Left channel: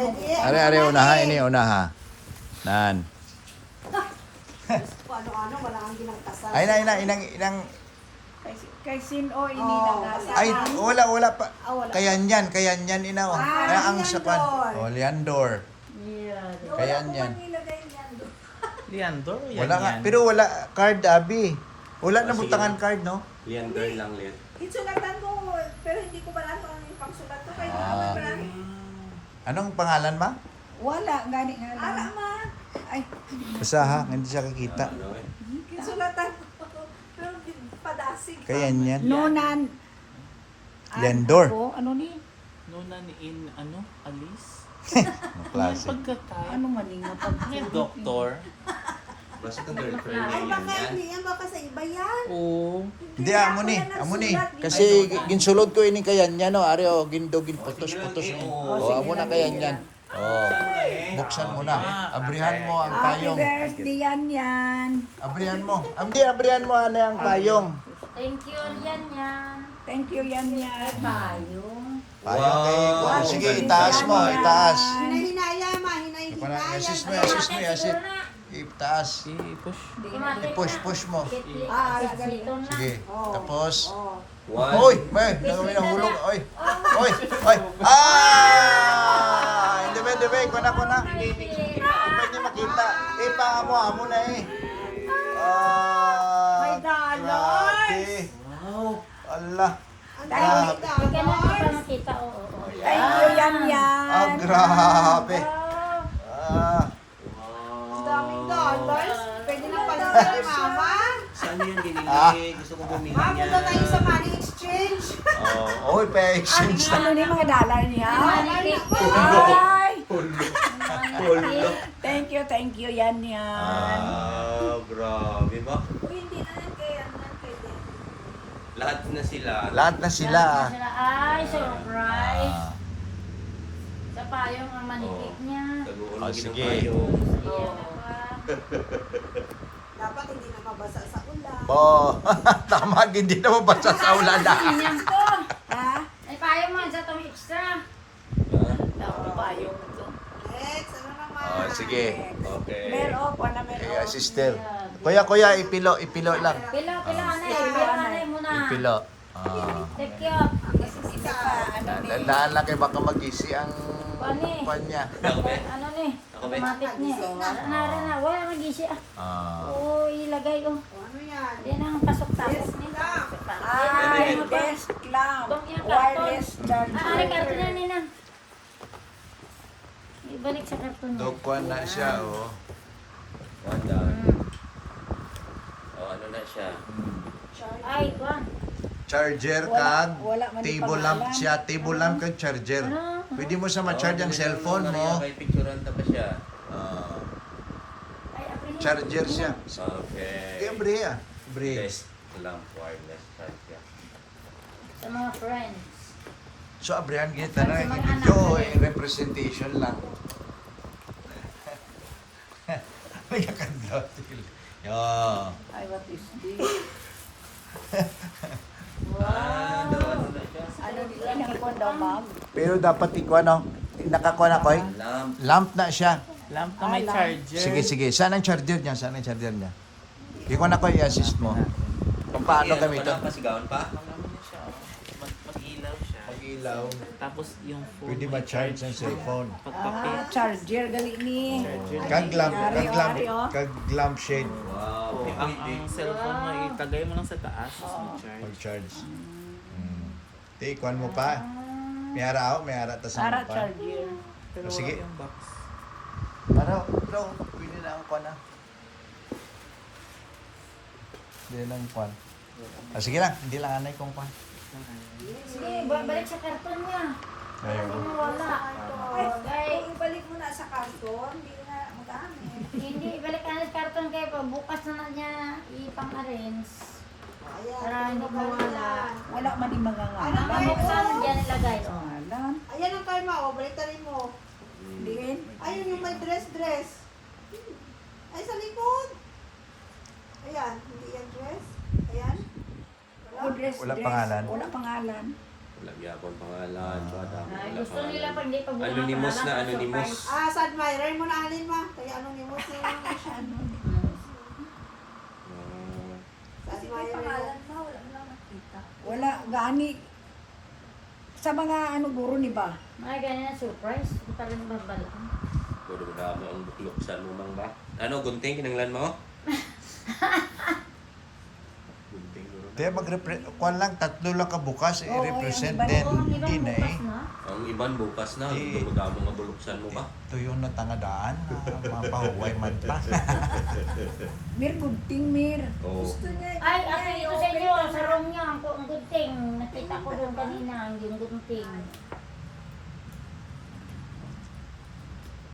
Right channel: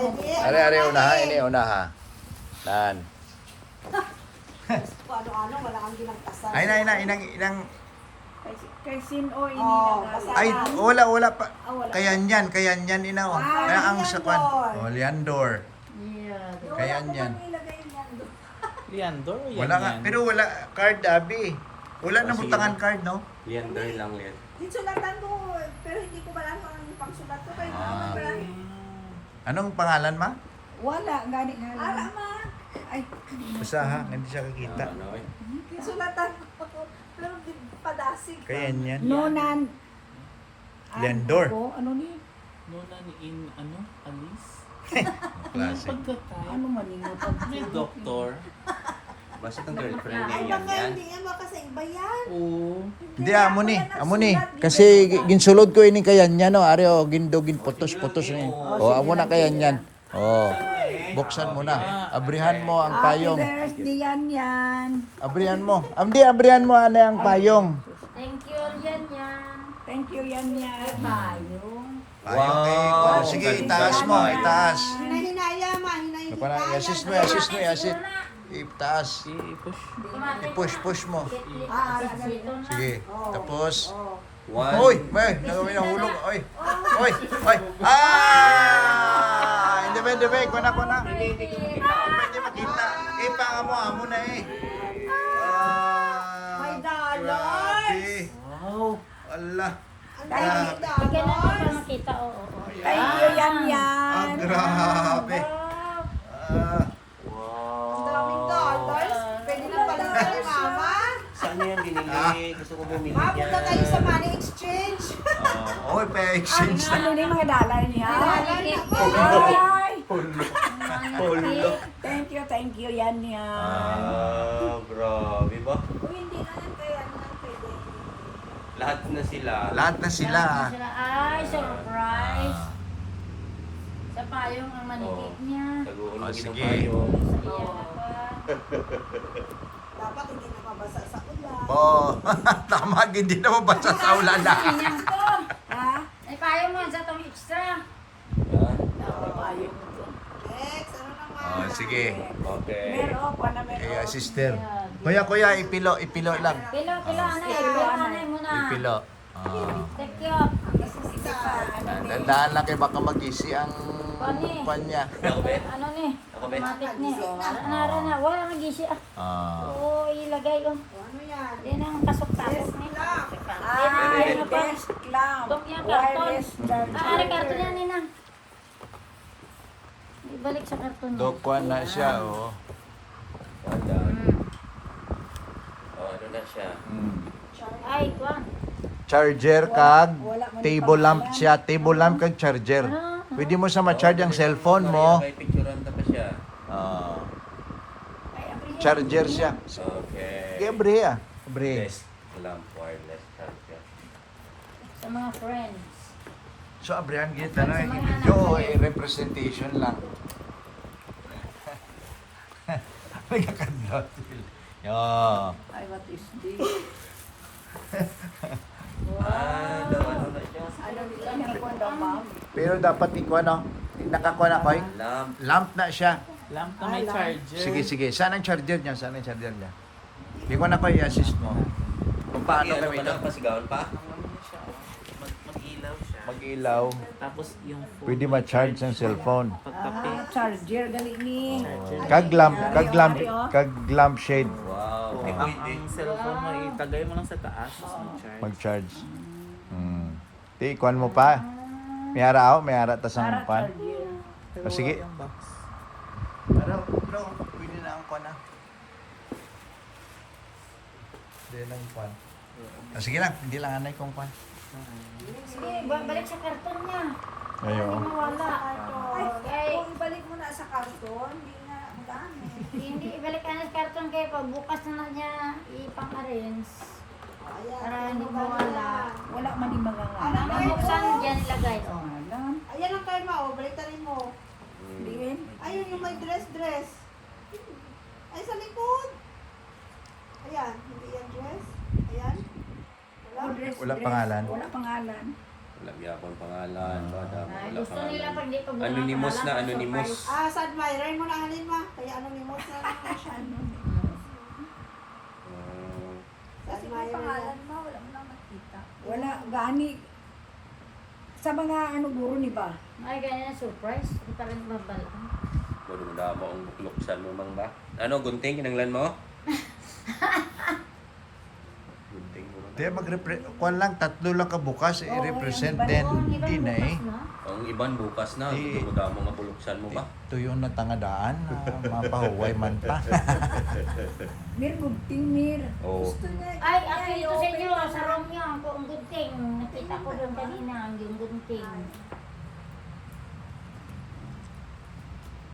Ano unaha? Ini unaha. Nan. Ano-ano, wala kang ginagtasal. Ay na, inang. Kay Sino ini nagasa. Ay, wala pa. Wala. Kayanyan inaw. Kaya ang sakwan. Oh, Leandor. Kayanyan. Leandor? Wala nga, pero wala card, Abi. Wala na butangan card, no? Leander lang yan. Insulatan ko, pero hindi ko alam kung ano yung pangsulat ko. Kaya Ah. marami. Anong pangalan, ma? Wala gani nga Ala, lang. ma. Ay, Basta ha, hindi siya kakita. Ano eh? Insulatan ko. Pero padasig. Kayanyan. Nonan. Leandor. Ako, ano ni? Nuna ni Alice? Ang klase. Pagkatay. Ano maningot ang May doktor. Basta ang girlfriend niya Ay, yan baka yan. hindi yan. Baka sa iba yan. Oo. Hindi, amo ni. Kasi ginsulod ko ini kayanyan, no? Ari, o, gindugin, putos-putos ni. O, amo na kayanyan. O, buksan mo na. Abrihan mo ang Happy payong. birthday yan. Abrihan mo. Abrihan mo ano ang payong. Thank you, yan. Thank you yan. Tayo. Payong kay... Wow. Sige, itaas mo, itaas. Hinahinaya, ma. Hinahinaya. Yasis mo, yasit. Itaas. I-push mo. Sige. Tapos... Hoy! May! Nagawin ang hulog. Hoy! Hoy! Ah! Hindi ba? Kuna. Hindi niya makita. Amo na eh. Ah! May dollars. Grabe. Wow. Allah. Bigyan natin para makita, oo. Thank you yan. Ah, grabe. Ah. Ang daming dollars. Pwede na pala sa mama. Saan mo yan ginili? Gusto ko bumili Mama, niya. punta tayo sa money exchange. Oy, pa-exchange na. Ano ni mga dollar niya? Ay! Thank you yan. Ah, grabe ba? Uy, hindi na yan kaya naman pwede. Lahat na sila. Lahat na sila. Ay, surprise. Ah. Sa payong ang manikik niya. Nagugulong Oh, din sige. tayo. Dapat hindi na mabasa sa ulan. Oh, tama, hindi na mabasa sa ulan na. Yan to. Ha? Ay, payong mo sa itong extra. Payong to. Next, ano naman? Oh, sige. Okay. Meron pa na meron. Eh, sister. Kuya, ipilo lang. Kilo, anay. Kilo, Anay muna. Ipilo. Ah. Take you. Hindi pa, ano ni? Dandaan lang kay baka magisi ang Pani. panya. Ano ni? Automatic ni. Na. Wala nag-isi ah. Ah. Oo, ilagay ko. Ano yan? Hindi nang pasok-tapos ni. Ay, desk lamp. Wireless charger. Ano karton na nina? Ibalik sa karton mo. Dokwan na siya, oh. Ano na siya? Ay, kuwan. Charger Wala- kag wala man table lamp pangalan. siya, table lamp kag charger. Pwede mo sa ma-charge ang cellphone mo. May picturean ka pa siya. Ah, Ay, apre. charger siya. Okay. Kaya bre ah. Bre. Desk lamp wireless charger. Sa mga friends. So abrihan kita na video representation lang. Nagkakadlot. Yo. Ay, what is this? Ano ni ilang ko daw, ma'am? Pero dapat ikaw no, nakakuha na ko eh. Lamp. Lamp na siya. Lamp na may lamp. charger. Sige. Saan ang charger niya? Saan ang charger niya? Ikaw na ko i-assist mo. Paano gamitin? Pasigawan pa? Ano naman na siya, oh. Mag-ilaw siya. Mag-ilaw. Tapos yung phone. Pwede ma-charge ang cellphone. Pagkape. Charger gali ni. Charger. Kag lamp shade. Wow. Oh, ang cellphone mo, itagay mo lang sa taas, tapos mag-charge. Mag-charge. Di, ikuan mo pa. May hara ta sa Para pa. charger. Pero Ah, sige. wala yung box. Bro, pwede na ang kuan na. Hindi na ang kuan. Sige lang, hindi lang anay kong kuan. Sige, balik sa karton niya. Ayun. Wala. Ay, Okay. kung ibalik mo na sa karton, hindi na magamit. Hindi, ibalik ka na sa karton kayo pa. Bukas na niya ipang-arrange. Ayan. Para hindi mo wala. Wala man yung mga ngalan. Buksan, diyan ilagay. Ngalan. Ayan ang karma, o. Balik na rin mo. Din. Ayun yung may dress. Ay, sa likod. Ayan, hindi yan dress. Ayan. Oh, dress, Wala dress. pangalan. Wala pangalan. Wala Yapon pangalan. Ay, gusto nila pag hindi pa buwan Anonymous ang na pangalan, anonymous. surprise. Sa admirer mo na alin ma. Kaya anonymous na lang siya. Sa Kasi may admirer pangalan mo. mo, wala mo lang makita. Wala, gani. Sa mga ano guro ni ba? Ay, ganyan surprise. Hindi pa rin babalaan. Wala ako ang bukluksan mo mang ba? Ano, gunting, kinanglan mo? Gunting mo. Te kuan lang, tatlo lang ka bukas, Oo, i-represent yung iba then Oo, hindi na eh. bukas na. Ang iban bukas na. Di- Wala mo nga buluksan mo ba? Ito yung natangadaan, mapahuway man pa. Mir, gudting mir. Oo. Ay, ako ito sa inyo, sa room niyo, ang gunting. Nakita ko doon kanina, yung gunting.